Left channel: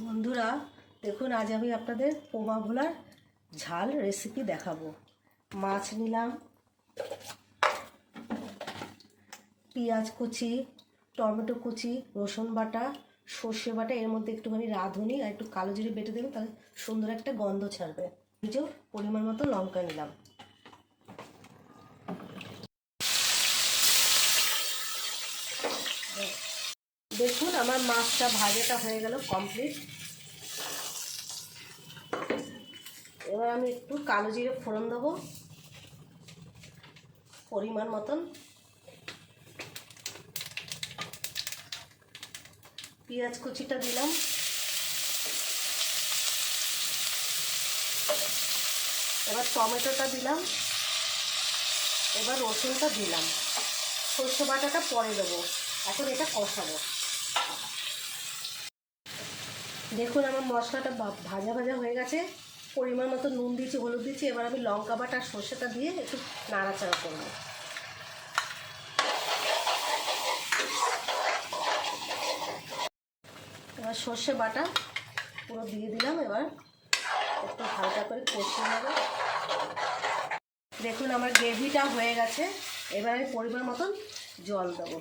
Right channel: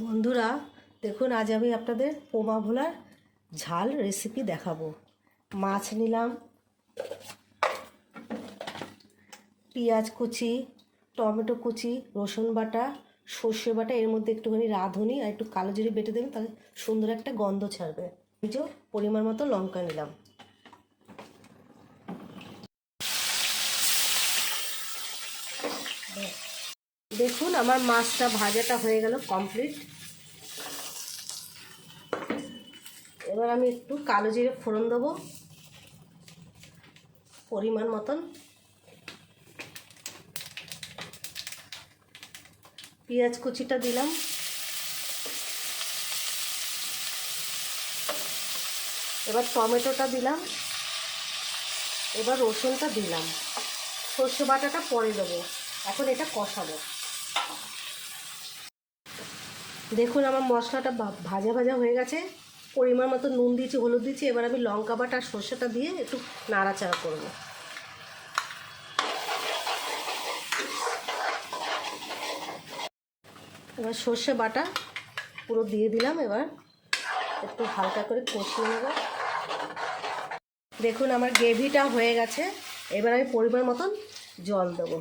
বন্ধুরা দেখুন, আজ আমি আপনাদের পোমা ভোলার ঝাল রেসিপি দেখাবো। মাছ নিলাম, পেঁয়াজ কুচি, টমেটো কুচি, রসুন বাটা, সর্ষে বাটা, এর মধ্যে একটুখানি রাঁধুনি আর একটু কালো জিরে বেটে দেবেন, তাহলে সুন্দর একটা গন্ধ ছাড়বে। এই যে পরিমাণ মতো লঙ্কা নিলাম। দেখুন আমার মাছটা ভাজাটা হয়ে গেল কমপ্লিট। এবার আমি একটু কালো জিরে ফোড়ন দেবো পরিমাণ মতন, পেঁয়াজ কুচিটা দিলাম, এবার টমেটোটা দিলাম, এবার রসুনটা দিলাম, সর্ষে বাটাটা পরে দেবো। এখন এটা কষাবো। দেখুন আমার মশলাটা ভাজা ভাজা হয়ে গেছে, পরিমাণ মতো নুন দিয়েছি, হলুদ দিয়েছি। এবার আমি লঙ্কা বাটা আর সর্ষেটা দিয়ে একটু নাড়াচাড়া করবো। এবার সর্ষে বাটা পুরো দিয়ে দিলাম, এবার একটু হালকা করে কষিয়ে নেব। দেখুন আমার গ্রেভিটা হয়ে গেছে, এবার আমি পরিমাণ মতন জল দেবো।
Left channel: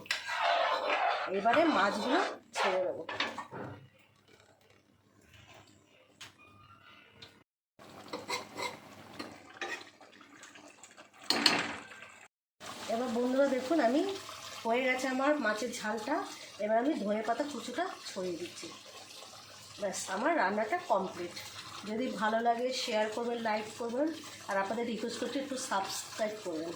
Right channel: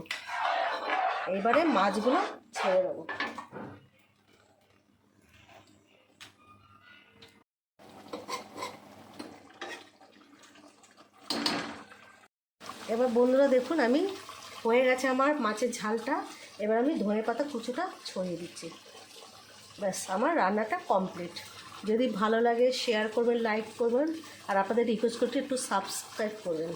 এবারে মাছগুলো ছেড়ে দেবো। এবার বন্ধুরা দেখুন আমি হয়ে গেছে আমার মাছের ঝালটা। এবার আমি ধনেপাতা কুচিটা ছড়িয়ে দিচ্ছি। ব্যাস আমার রান্নাটা কমপ্লিট। যদি ভালো লাগে শেয়ার করবেন, লাইক করবেন, আর আপনাদের রিকোয়েস্ট করতে একটু সাবস্ক্রাইব করবেন।